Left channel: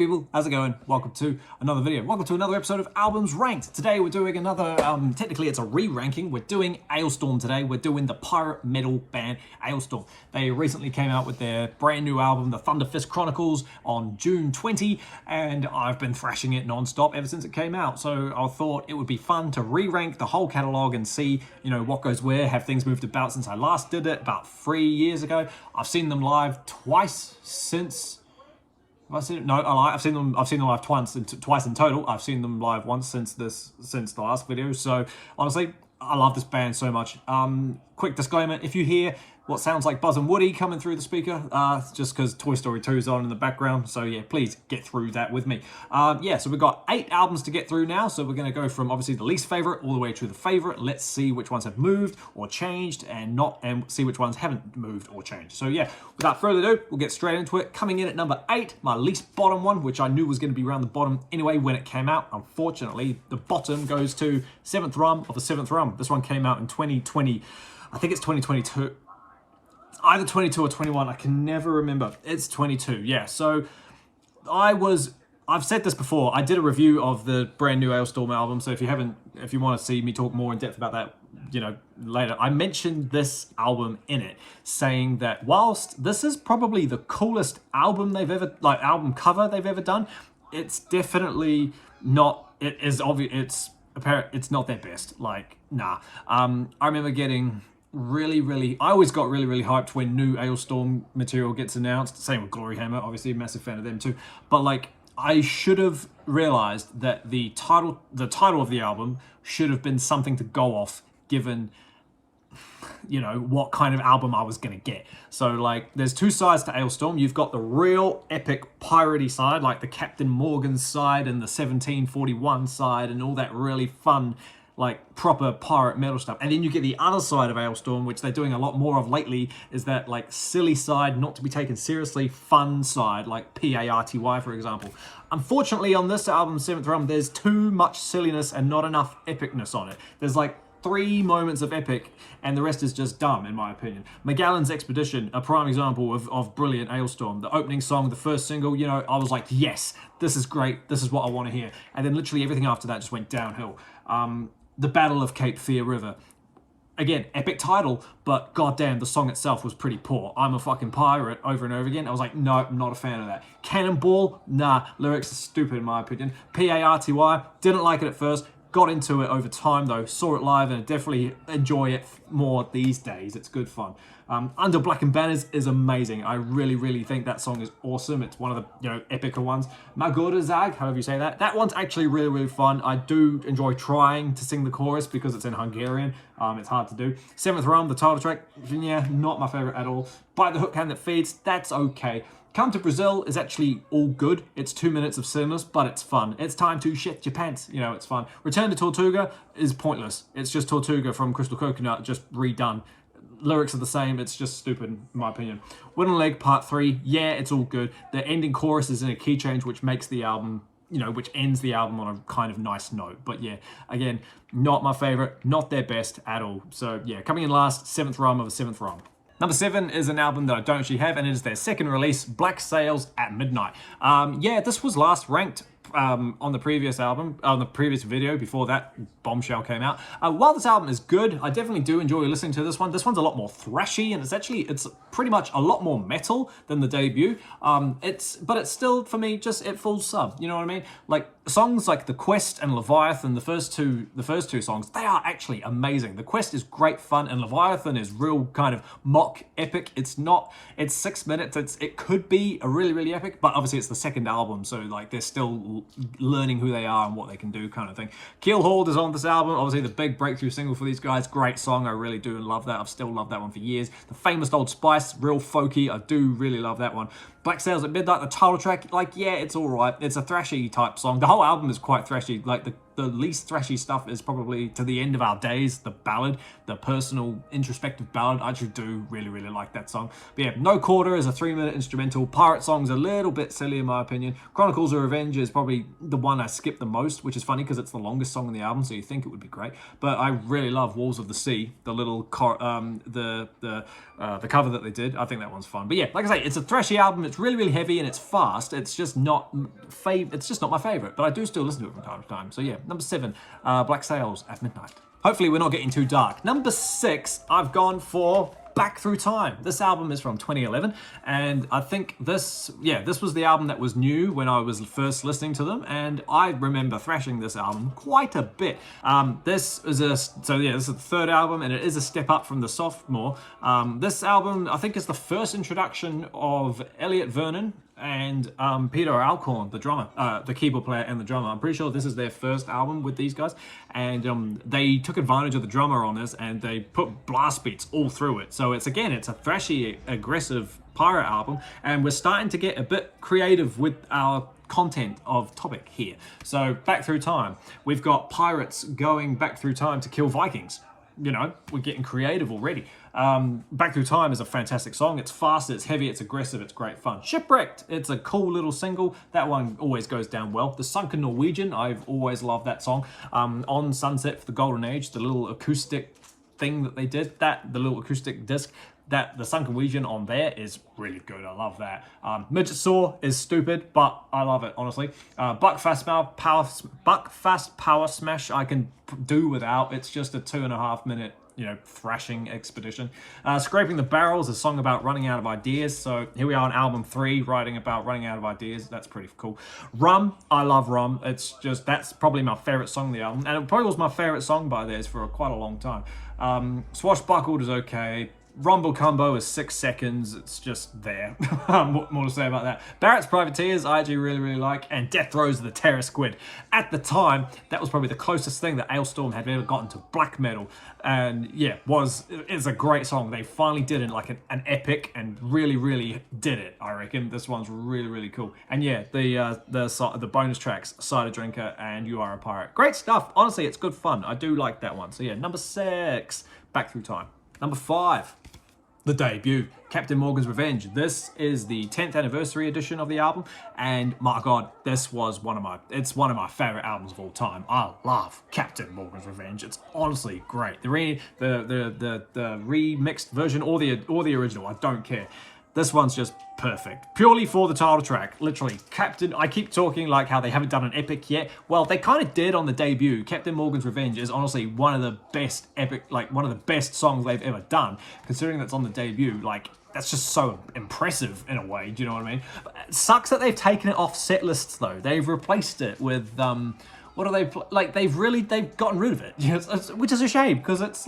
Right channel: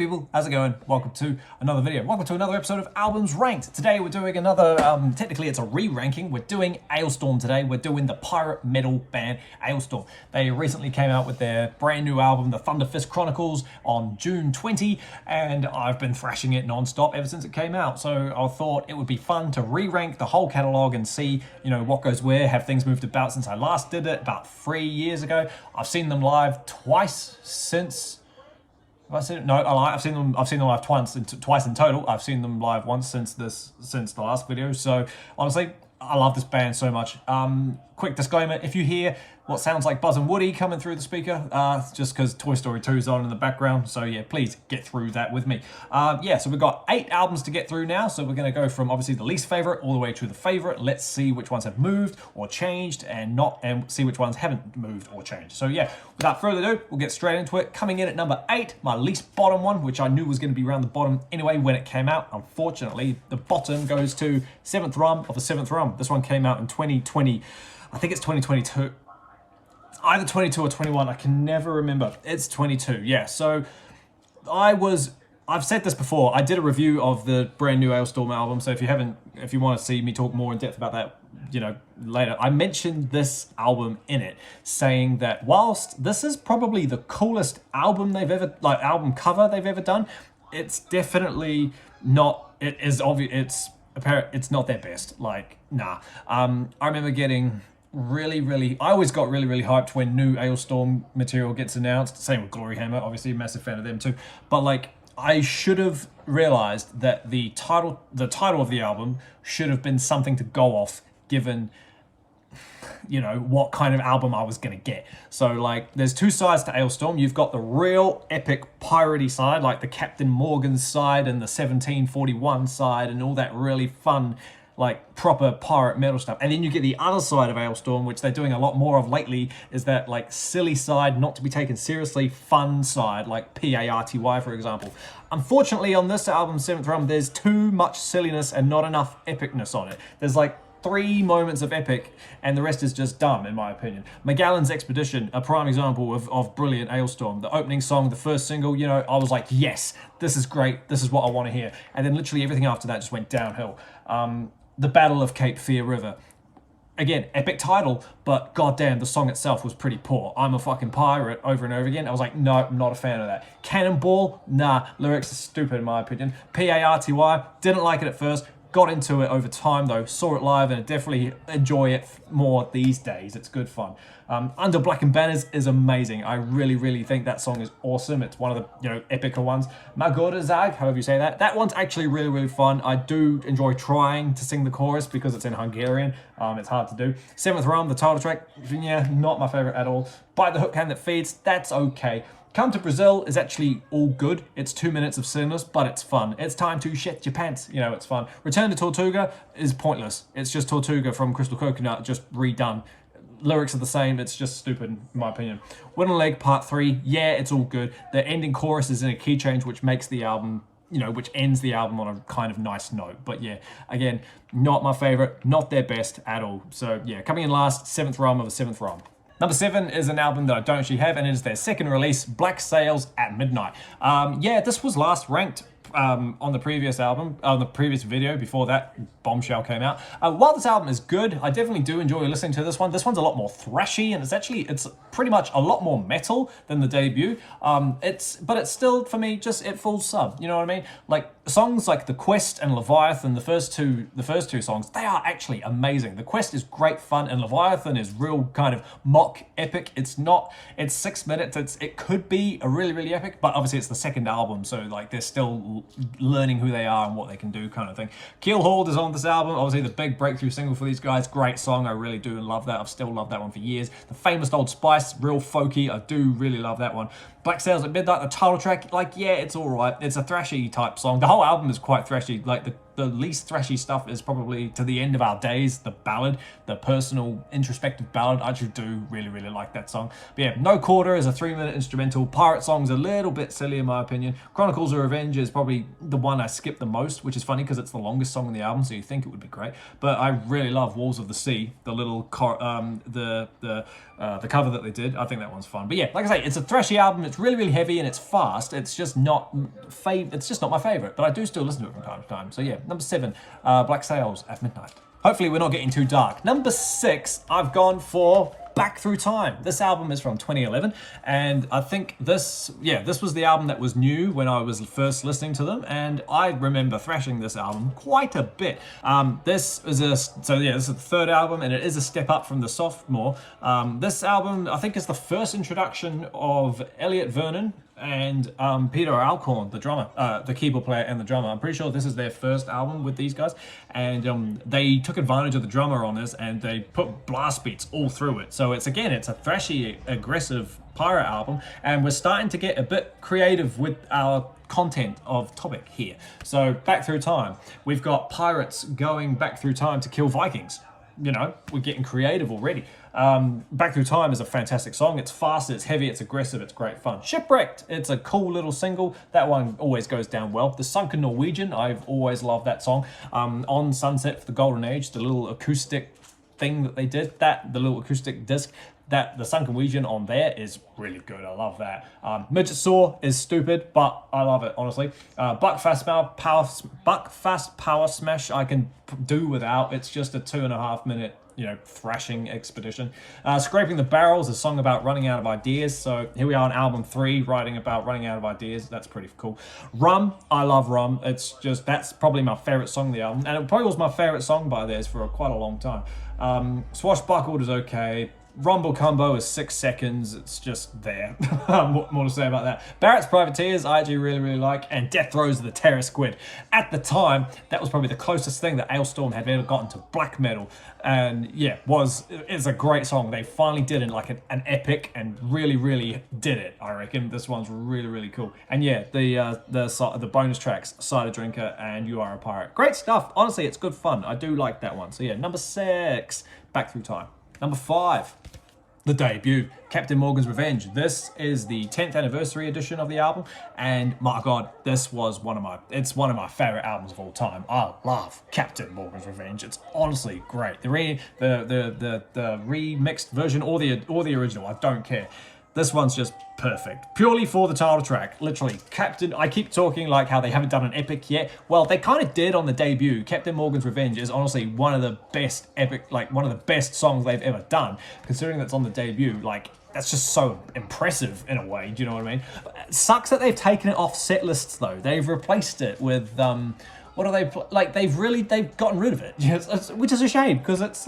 people, how's it going? Welcome to another video. Welcome to another episode of Albums Ranked. Today we're doing another, technically it's a re-ranking. We're doing Alestorm today. We're doing the pirate metal band Alestorm. They recently came out with their brand new album, The Thunderfist Chronicles, on June 20, and I've been thrashing it non-stop ever since it came out. So I thought it would be fun to re-rank the whole catalogue and see, you know, what goes where. Have things moved about since I last did it about 3 years ago? I've seen them live twice since. Have I seen it? No, I've seen them live twice in total. I've seen them live once since the last video. So honestly, I love this band so much. Quick disclaimer: if you hear what sounds like Buzz and Woody coming through the speaker, just because Toy Story 2 is on in the background. So yeah, please get through that with me. Yeah, so we've got 8 albums to get through now. So we're going to go from obviously the least favorite all the way to the favorite. Let's see which ones have moved or changed and see which ones haven't moved or changed. So yeah, without further ado, we'll get straight into it. Coming in at number 8, my least bottom one, which I knew was going to be around the bottom anyway when it came out. Unfortunately, the bottom goes to 7th Rum of the 7th Rum. This one came out in 2020. I think it's 2022. Either 22 or 21, I can never remember. It's 22, yeah. So I've said this before, I did a review of the brand new Alestorm album, so if you want to see me talk more in depth about that, you know, later, I mentioned this album in it, saying that whilst this is probably the coolest album album cover they've ever done, it's definitely not, it is obvious, it's apparent, it's not their best, like, nah. I remember getting I always got really hyped when new Alestorm material gets announced. Same with Glory Hammer, obviously a massive fan of them too. But like, I should have realized that the title of the album should have been something to go off, given, you know, what kind of album I was gonna get. So like, there's two sides to Alestorm. You've got the real epic piratey side, like the Captain Morgan side and the 1741 side and all that really fun, like proper pirate metal stuff. And then you get the other side of Alestorm, which they're doing a lot more of lately, is that like silly side, not to be taken seriously, fun side, like PARTY, for example. Unfortunately, on this album, 7th Rum, there's too much silliness and not enough epicness on it. There's like 3 moments of epic, and the rest is just dumb, in my opinion. Magellan's Expedition, a prime example of brilliant Alestorm. The opening song, the first single, you know, I was like, yes, this is great. This is what I want to hear. And then literally everything after that just went downhill. The Battle of Cape Fear River. Again, epic title, but goddamn, the song itself was pretty poor. I'm a fucking pirate over and over again. I was like, no, I'm not a fan of that. Cannonball, nah, lyrics are stupid in my opinion. PARTY, didn't like it at first. Got into it over time though, saw it live, and I definitely enjoy it more these days. It's good fun. Under Blackened Banners is amazing. I really think that song is awesome. It's one of the, you know, epicer ones. Magorda Zag, however you say that. That one's actually really fun. I do enjoy trying to sing the chorus because it's in Hungarian. It's hard to do. 7th Rum, the title track, yeah, not my favorite at all. Bite the Hook Hand That Feeds, that's okay. Come to Brazil is actually all good. It's 2 minutes of silliness, but it's fun. It's time to shit your pants. You know, it's fun. Return to Tortuga is pointless. It's just Tortuga from Crystal Coconut, just redone. Lyrics are the same. It's just stupid, in my opinion. Wooden Leg Part 3, yeah, it's all good. The ending chorus is in a key change, which makes the album, you know, which ends the album on a kind of nice note. But yeah, again, not my favorite, not their best at all. So yeah, coming in last, 7th Rum of the 7th Rum. Number 7 is an album that I don't actually have, and it is their second release, Black Sails at Midnight. Yeah, this was last ranked on the previous album, on the previous video before that bombshell came out. While this album is good, I definitely do enjoy listening to this one. This one's a lot more thrashy, and it's pretty much a lot more metal than the debut. But it's still, for me, just it falls sub. You know what I mean? Like songs like The Quest and Leviathan, the first two songs, they are actually amazing. The Quest is great fun, and Leviathan is real kind of mock epic. It's 6 minutes. It could be a really epic, but obviously it's the second album, so like they're still learning who they are and what they can do, kind of thing. Keelhauled is on this album, obviously the big breakthrough single for these guys. Great song, I really do love that. I've still loved that one for years. The Famous Old Spice, real folky, I do really love that one. Black Sails at Midnight, the title track, like, yeah, it's all right. It's a thrashy type song. The whole album is quite thrashy. Like the the least thrashy stuff is probably To the End of Our Days, the ballad, the personal introspective ballad. I actually do really like that song. But yeah, No Quarter is a 3-minute instrumental. Pirate Song's a little bit silly in my opinion. Chronicles of Revenge is probably the one I skip the most, which is funny because it's the longest song on the album, so you think it would be great. But I really love Walls of the Sea, the little the cover that they did. I think that one's fun. But yeah, like I say, it's a thrashy album. It's really heavy and it's fast. It's just not my favorite, but I do still listen to it from time to time. So yeah, number 7, Black Sails at Midnight. Hopefully we're not getting too dark. Number 6, I've gone for Back Through Time. This album is from 2011, and I think this was the album that was new when I was first listening to them, and I remember thrashing this album quite a bit. This is the 3rd album, and it is a step up from the sophomore. This album, I think, is the first introduction of Elliot Vernon and Peter Alcorn, the drummer, the keyboard player and the drummer. I'm pretty sure this is their first album with these guys, and they took advantage of the drummer on this, and they put blast beats all through it. So it's a thrashy, aggressive pirate album, and we're starting to get a bit creative with our content of topic here. So Back Through Time, we've got pirates going back through time to kill Vikings. You know, we're getting creative already. Back Through Time is a fantastic song. It's fast, it's heavy, it's aggressive, it's great fun. Shipwrecked, it's a cool little single. That one always goes down well. The Sunken Norwegian, I've always loved that song. On Sunset for the Golden Age, the little acoustic thing that they did, the little acoustic disc, the Sunken Norwegian on there is really good. I love that. Midget Saw is stupid, but I love it, honestly. Buckfast Power Smash I can do without. It's just a 2.5 minute, thrashing expedition. Scraping the Barrels, a song about running out of ideas. So here we are on album 3, writing about running out of ideas. That's pretty cool. Rum, I love Rum. That's probably my favorite song on the album, and it probably was my favorite song by theirs for quite a long time. Swashbuckled is okay. Rumble Combo is 6 seconds. It's just there. What more to say about that? Barrett's Privateers, I actually really like. And Death Throes of the Terror Squid. At the time, that was probably the closest thing that Alestorm had ever gotten to black metal. And yeah, it's a great song. They finally did it like an epic, and really did it, I reckon. This one's really cool. And yeah, the bonus tracks, Cider Drinker and You Are a Pirate. Great stuff. Honestly, it's good fun. I do like that one. So yeah, number 6, Back Through Time. Number 5, the debut, Captain Morgan's Revenge. This is the 10th anniversary edition of the album, and my god, this was one of my favorite albums of all time. I love Captain Morgan's Revenge. It's honestly great. The remixed version or the original, I don't care. This one's just perfect. Purely for the title track. Literally, I keep talking like how they haven't done an epic yet. Well, they kind of did on the debut. Captain Morgan's Revenge is honestly one of the best one of the best songs they've ever done. Considering that's on the debut, that's just so impressive in a way. Do you know what I mean? It sucks that they've taken it off set lists though. They've replaced it with what do they they've gotten rid of it, which is a shame because it's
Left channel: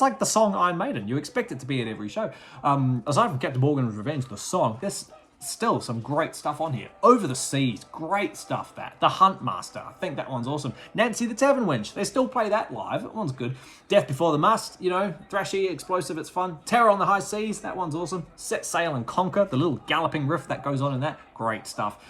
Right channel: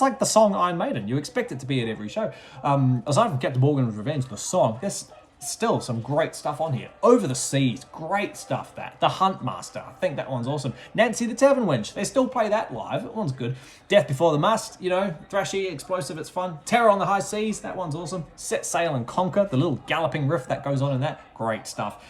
like the song Iron Maiden. You expect it to be at every show. Aside from Captain Morgan's Revenge, the song, there's still some great stuff on here. Over the Seas, great stuff. The Huntmaster, I think that one's awesome. Nancy the Tavern Wench, they still play that live. That one's good. Death Before the Mast, thrashy, explosive, it's fun. Terror on the High Seas, that one's awesome. Set Sail and Conquer, the little galloping riff that goes on in that, great stuff.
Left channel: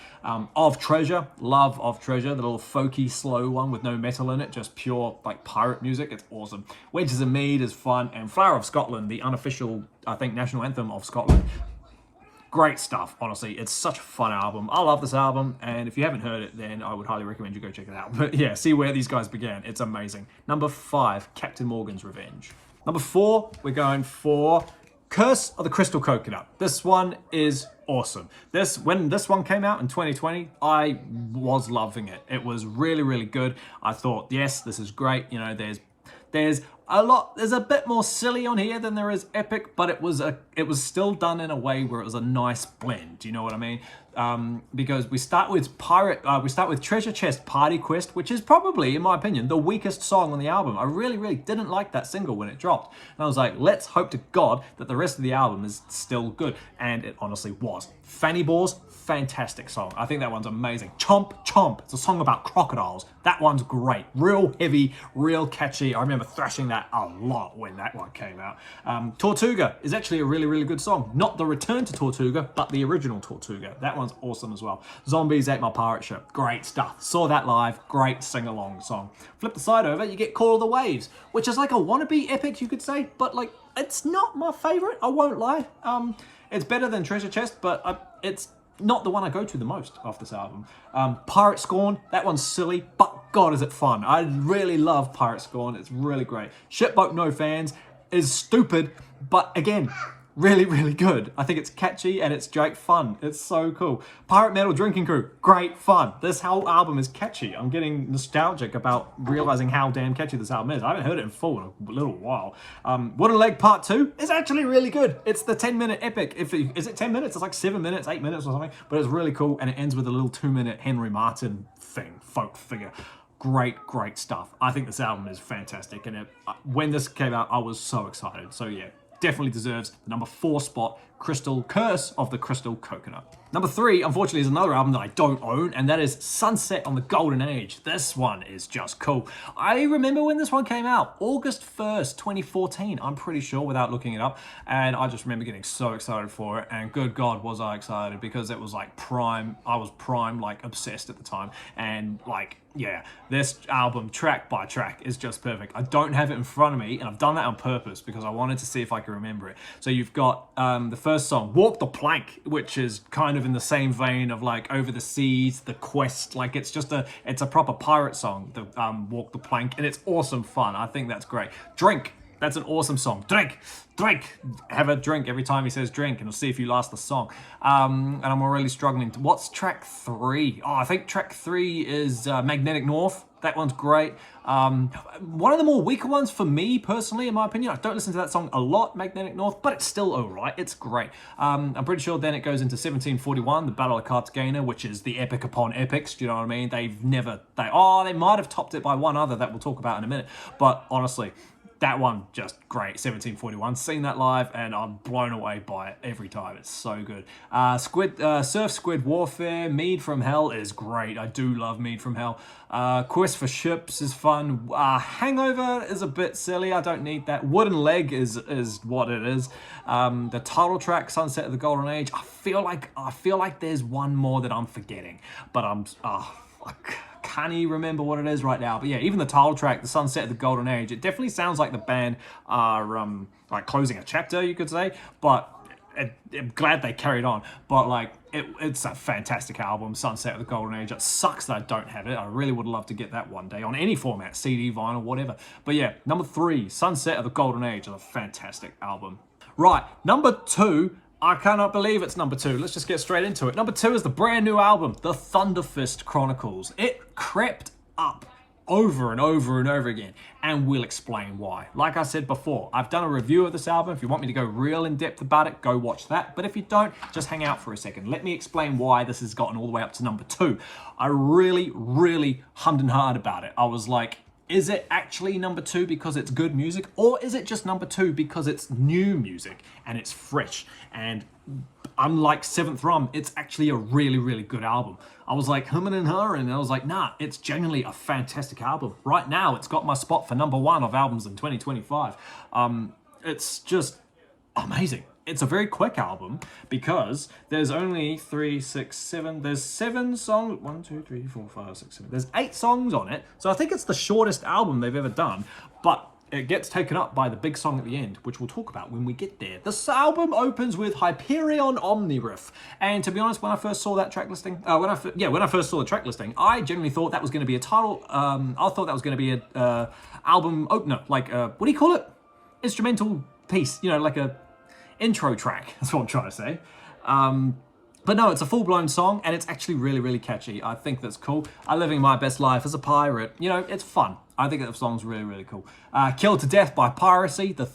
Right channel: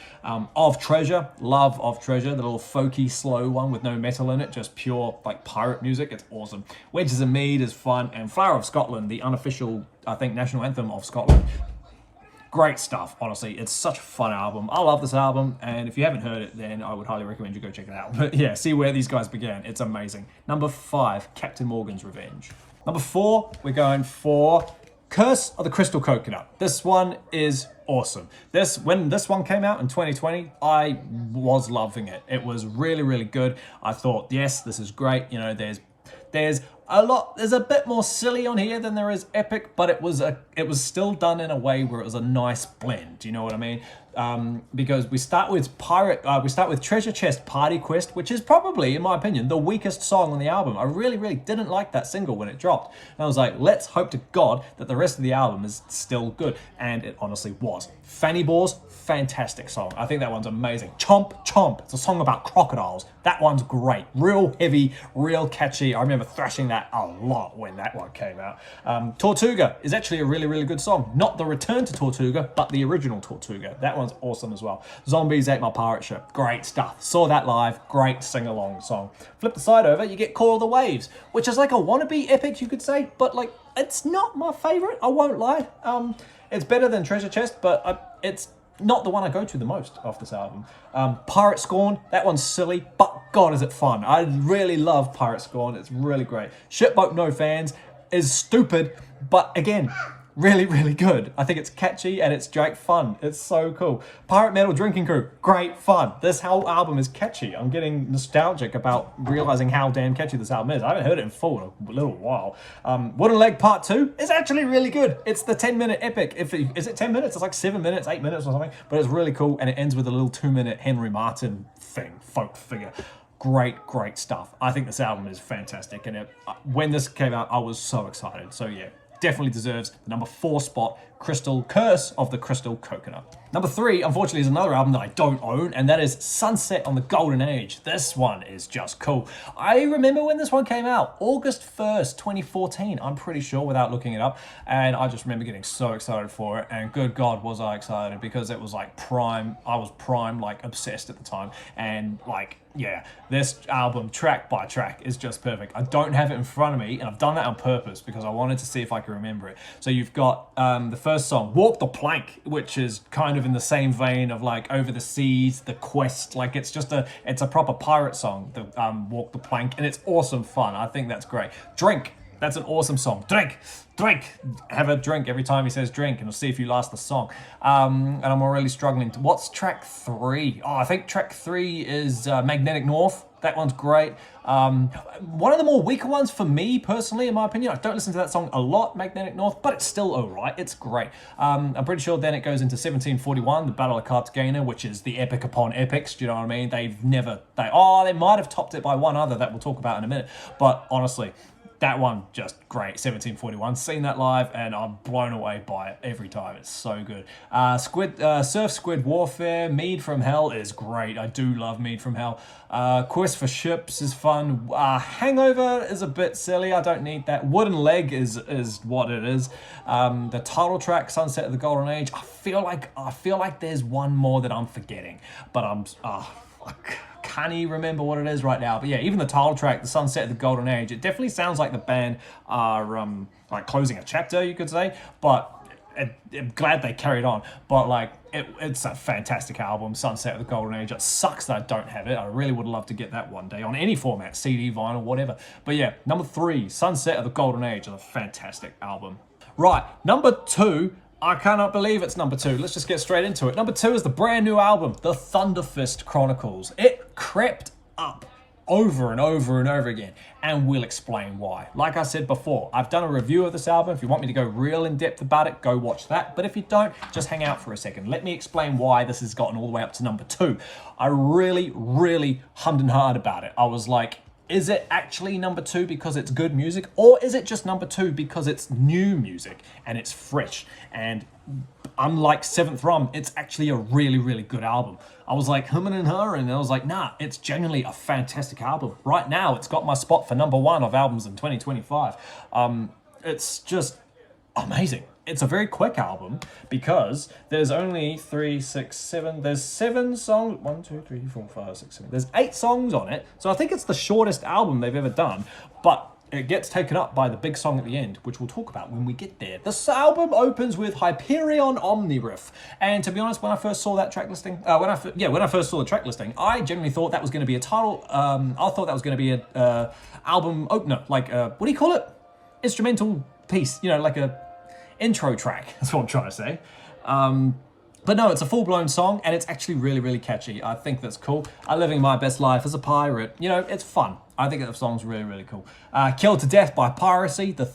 Of Treasure, love Of Treasure, the little folky, slow one with no metal in it, just pure pirate music, it's awesome. Wedges of Mead is fun, and Flower of Scotland, the unofficial, I think, national anthem of Scotland. Great stuff, honestly. It's such a fun album. I love this album, and if you haven't heard it, then I would highly recommend you go check it out. But yeah, see where these guys began. It's amazing. Number 5, Captain Morgan's Revenge. Number 4, we're going for Curse of the Crystal Coconut. This one is awesome. When this one came out in 2020, I was loving it. It was really good. I thought, yes, this is great. There's a bit more silly on here than there is epic, but it was still done in a way where it was a nice blend. Do you know what I mean? Because we start with Treasure Chest Party Quest, which is probably, in my opinion, the weakest song on the album. I really didn't like that single when it dropped. And I was like, let's hope to God that the rest of the album is still good. And it honestly was. Fanny Balls, fantastic song. I think that one's amazing. Chomp Chomp, it's a song about crocodiles. That one's great. Real heavy, real catchy. I remember thrashing that a lot when that one came out. Tortuga is actually a really, really good song. Not the return to Tortuga, but the original Tortuga. That one's awesome as well. Zombies Ate My Pirate Ship, great stuff. Saw that live, great sing-along song. Flip the side over, you get Call of the Waves, which is like a wannabe epic, you could say, but like, it's not my favorite, I won't lie. It's better than Treasure Chest, but it's not the one I go to the most off this album. Pirate Scorn, that one's silly, but God is it fun. I really love Pirate Scorn, it's really great. Shipboat No Fans is stupid, but again, really, really good. I think it's catchy and it's Drake fun. It's so cool. Pirate Metal Drinking Crew, great fun. This whole album is catchy. I'm getting nostalgic about realizing how damn catchy this album is. I haven't heard it in full in a little while. Wooden Leg Part 2 is actually really good. It's the 10-minute epic. Is it 10 minutes? It's like 7 minutes, 8 minutes or something, but it's really cool and it ends with a little 2-minute Henry Martin thing, folk figure. Great, great stuff. I think this album is fantastic and when this came out, I was so excited. So yeah. Definitely deserves the number 4 spot, Crystal Curse of the Crystal Coconut. Number 3, unfortunately, is another album that I don't own, and that is Sunset on the Golden Age. This one is just cool. I remember when this one came out, August 1st, 2014, I'm pretty sure, without looking it up, and I just remember getting so excited for it, and good God was I excited, because it was like prime, I was prime, like obsessed at the time, and like, yeah, this album, track by track, is just perfect. I don't have it in front of me, and I've done that on purpose because I wanted to see if I could remember it. So you've got the first song, Walk the Plank, which is kind of in the same vein of like Over the Seas, The Quest. Like it's a proper pirate song, the Walk the Plank, and it's awesome fun. I think that's great. Drink, that's an awesome song. Drink, drink, have a drink every time he says drink, and we'll see if you last the song. And I'm really struggling to, what's track 3? Oh, I think track 3 is Magnetic North. That one's great. One of the more weaker ones for me personally, in my opinion. I don't listen to that song a lot, Magnetic North, but it's still all right. It's great. I'm pretty sure then it goes into 1741, the Battle of Cartagena, which is the epic upon epics. Do you know what I mean? They might have topped it by one other that we'll talk about in a minute. But honestly, that one, just great. 1741. Seen that live and I'm blown away by it every time. It's so good. Surf Squid Warfare, Mead from Hell is great. I do love Mead from Hell. Quest for Ships is fun. Hangover is a bit silly. I don't need that. Wooden Leg is what it is. The title track, Sunset of the Golden Age. I feel like there's one more that I'm forgetting, but I can't even remember what it is right now. But yeah, even the title track, The Sunset of the Golden Age, it definitely sounds like the band are like closing a chapter, you could say. But I'm glad they carried on. But like, it's a fantastic album, Sunset of the Golden Age. It sucks that I don't have it. I really would love to get that one day on any format, CD, vinyl, whatever. But yeah, number 3, Sunset of the Golden Age is a fantastic album. Right, number 2. I cannot believe it's number 2. Let's just get straight into it. Number 2 is the brand new album, The Thunderfist Chronicles. It crept up over and over and over again, and we'll explain why. Like I said before, I've done a review of this album. If you want me to go real in depth about it, go watch that. But if you don't, just hang out for a second. Let me explain why this has gotten all the way up to number 2. I really, really hummed and hawed about it. I was like, is it actually number 2 because it's good music, or is it just number 2 because it's new music and it's fresh? And unlike Seventh Rum, it's actually a really, really good album. I was like humming and hawing, and I was like, nah, it's genuinely a fantastic album. Right now, it's got my spot for number 1 of albums in 2025. It's just amazing. It's a very quick album because there's only 3, 6, 7. There's 7 songs. 1, 2, 3, 4, 5, 6, 7. There's 8 songs on it. So I think it's the shortest album they've ever done. But it gets taken up by the big song at the end, which we'll talk about when we get there. This album opens with Hyperion Omniriff. And to be honest, when I first saw that track listing, when I first saw the track listing, I generally thought that was going to be a title. I thought that was going to be a album opener, like what do you call it? Instrumental piece, you know, like a intro track. That's what I'm trying to say. But no, it's a full-blown song, and it's actually really, really catchy. I think that's cool. I'm living my best life as a pirate. You know, it's fun. I think that song's really, really cool. Killed to Death by Piracy, the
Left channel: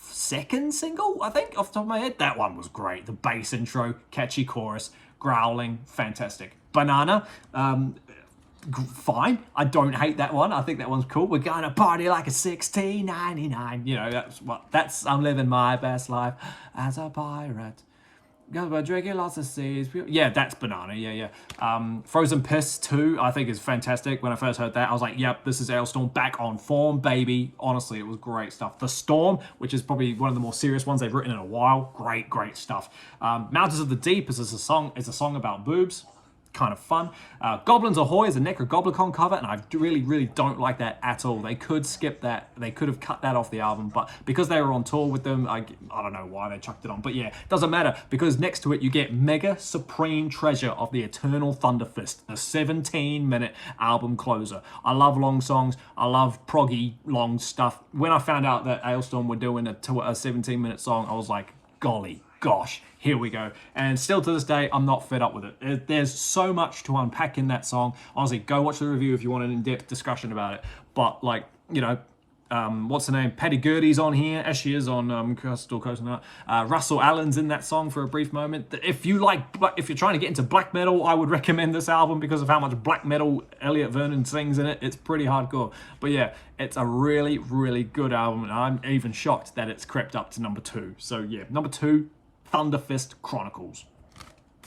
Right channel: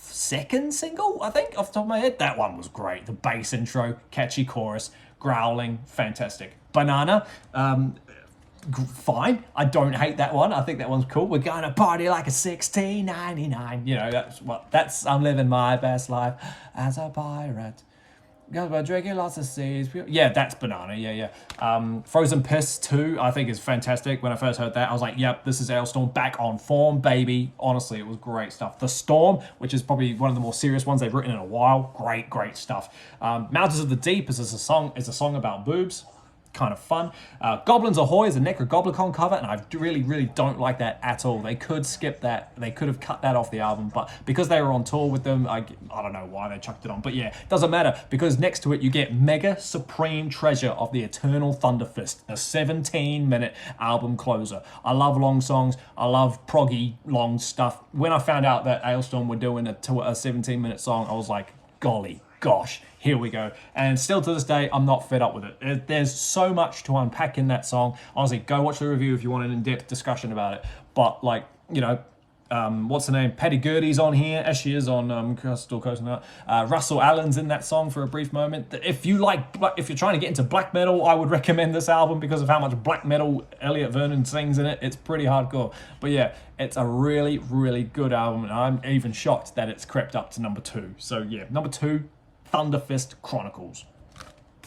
second single, I think, off the top of my head. That one was great. The bass intro, catchy chorus, growling, fantastic. Banana, fine. I don't hate that one. I think that one's cool. We're gonna party like a 1699. You know, I'm living my best life as a pirate. Drinking lots of seeds. Yeah, that's Banana. Yeah. Frozen Piss 2, I think is fantastic. When I first heard that, I was like, yep, this is Alestorm back on form, baby. Honestly, it was great stuff. The Storm, which is probably one of the more serious ones they've written in a while. Great stuff. Mountains of the Deep is a song about boobs. Kind of fun. Goblins Ahoy is a Necrogoblicon cover, and I really don't like that at all. They could skip that. They could have cut that off the album, but because they were on tour with them, I don't know why they chucked it on. But yeah, doesn't matter, because next to it you get Mega Supreme Treasure of the Eternal Thunderfist, a 17-minute album closer. I love long songs. I love proggy long stuff. When I found out that Alestorm were doing a 17-minute song, I was like, golly gosh, here we go. And still to this day, I'm not fed up with it. There's so much to unpack in that song. Honestly, go watch the review if you want an in-depth discussion about it. But like, you know, what's her name? Patty Gertie's on here, as she is on Crystal Coconut. Russell Allen's in that song for a brief moment. If you're trying to get into black metal, I would recommend this album because of how much black metal Elliot Vernon sings in it. It's pretty hardcore. But yeah, it's a really good album, and I'm even shocked that it's crept up to number 2. So yeah, number 2, Thunderfist Chronicles.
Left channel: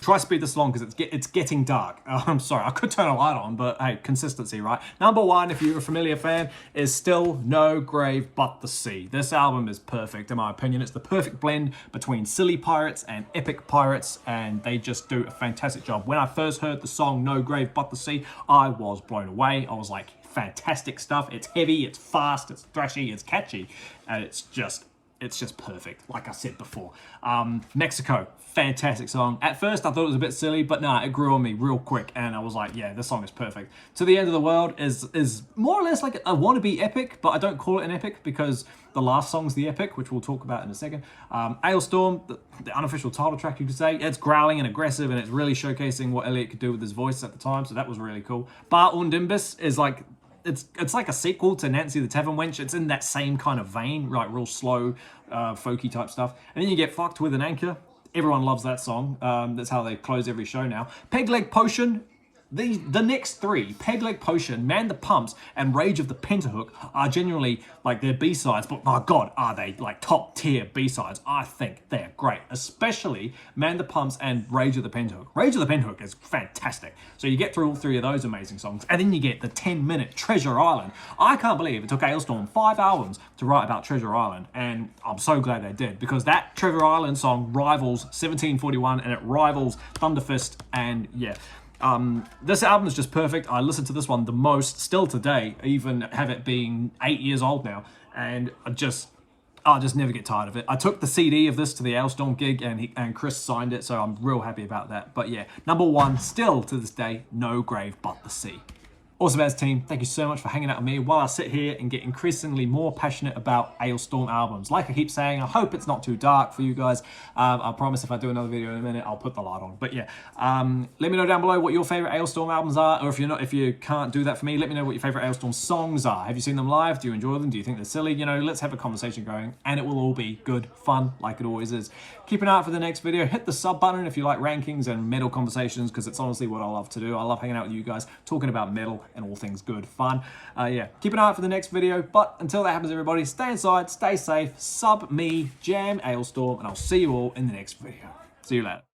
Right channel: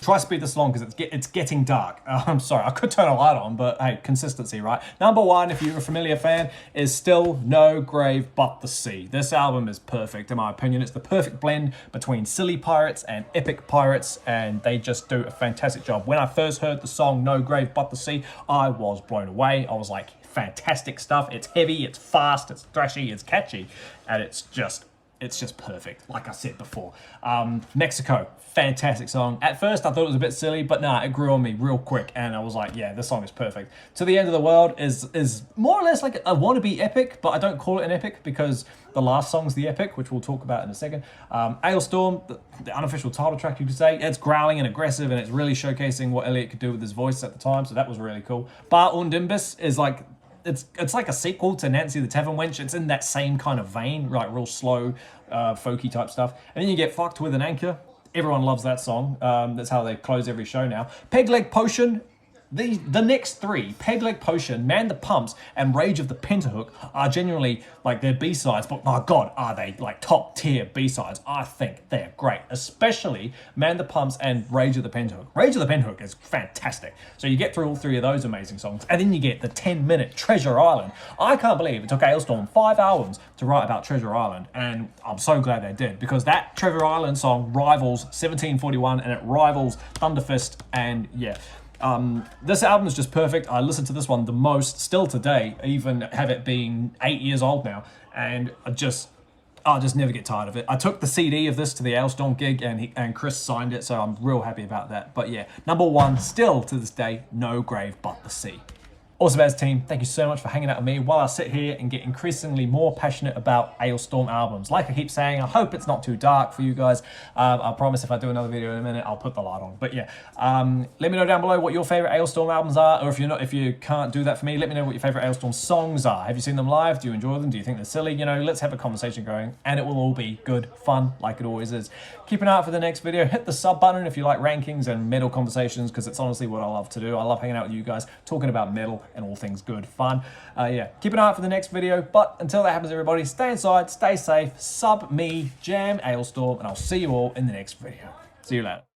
Try to speed this along because it's getting dark. I'm sorry, I could turn a light on, but hey, consistency, right? Number 1, if you're a familiar fan, is still No Grave But the Sea. This album is perfect, in my opinion. It's the perfect blend between silly pirates and epic pirates, and they just do a fantastic job. When I first heard the song No Grave But the Sea, I was blown away. I was like, fantastic stuff. It's heavy, it's fast, it's thrashy, it's catchy, and it's just perfect, like I said before. Mexico, fantastic song. At first, I thought it was a bit silly, but nah, it grew on me real quick, and I was like, yeah, this song is perfect. To the End of the World is more or less like a wannabe epic, but I don't call it an epic because the last song's the epic, which we'll talk about in a second. Alestorm, the unofficial title track, you could say, it's growling and aggressive, and it's really showcasing what Elliot could do with his voice at the time, so that was really cool. Bar und Imbus is like, it's like a sequel to Nancy the Tavern Wench. It's in that same kind of vein, like real slow, folky type stuff. And then you get Fucked With an Anchor. Everyone loves that song. That's how they close every show now. Peg Leg Potion. The next 3, Peg Leg Potion, Man the Pumps, and Rage of the Pentahook, are genuinely like their B-sides, but my God, are they like top tier B-sides? I think they're great, especially Man the Pumps and Rage of the Pentahook. Rage of the Pentahook is fantastic. So you get through all 3 of those amazing songs, and then you get the 10-minute Treasure Island. I can't believe it took Alestorm 5 albums to write about Treasure Island, and I'm so glad they did, because that Treasure Island song rivals 1741, and it rivals Thunderfist, and yeah. This album is just perfect. I listen to this one the most still today, even have it being 8 years old now, and I'll just never get tired of it. I took the CD of this to the Alestorm gig, and Chris signed it, so I'm real happy about that. But yeah, number 1 still to this day, No Grave But the Sea. Awesome As team, thank you so much for hanging out with me while I sit here and get increasingly more passionate about Alestorm albums. Like I keep saying, I hope it's not too dark for you guys. I promise if I do another video in a minute, I'll put the light on. But yeah, let me know down below what your favorite Alestorm albums are, or if you can't do that for me, let me know what your favorite Alestorm songs are. Have you seen them live? Do you enjoy them? Do you think they're silly? You know, let's have a conversation going, and it will all be good fun, like it always is. Keep an eye out for the next video. Hit the sub button if you like rankings and metal conversations, because it's honestly what I love to do. I love hanging out with you guys, talking about metal and all things good fun. Yeah, keep an eye out for the next video, but until that happens, everybody, stay inside, stay safe, sub me, jam Alestorm, and I'll see you all in the next video. See you later.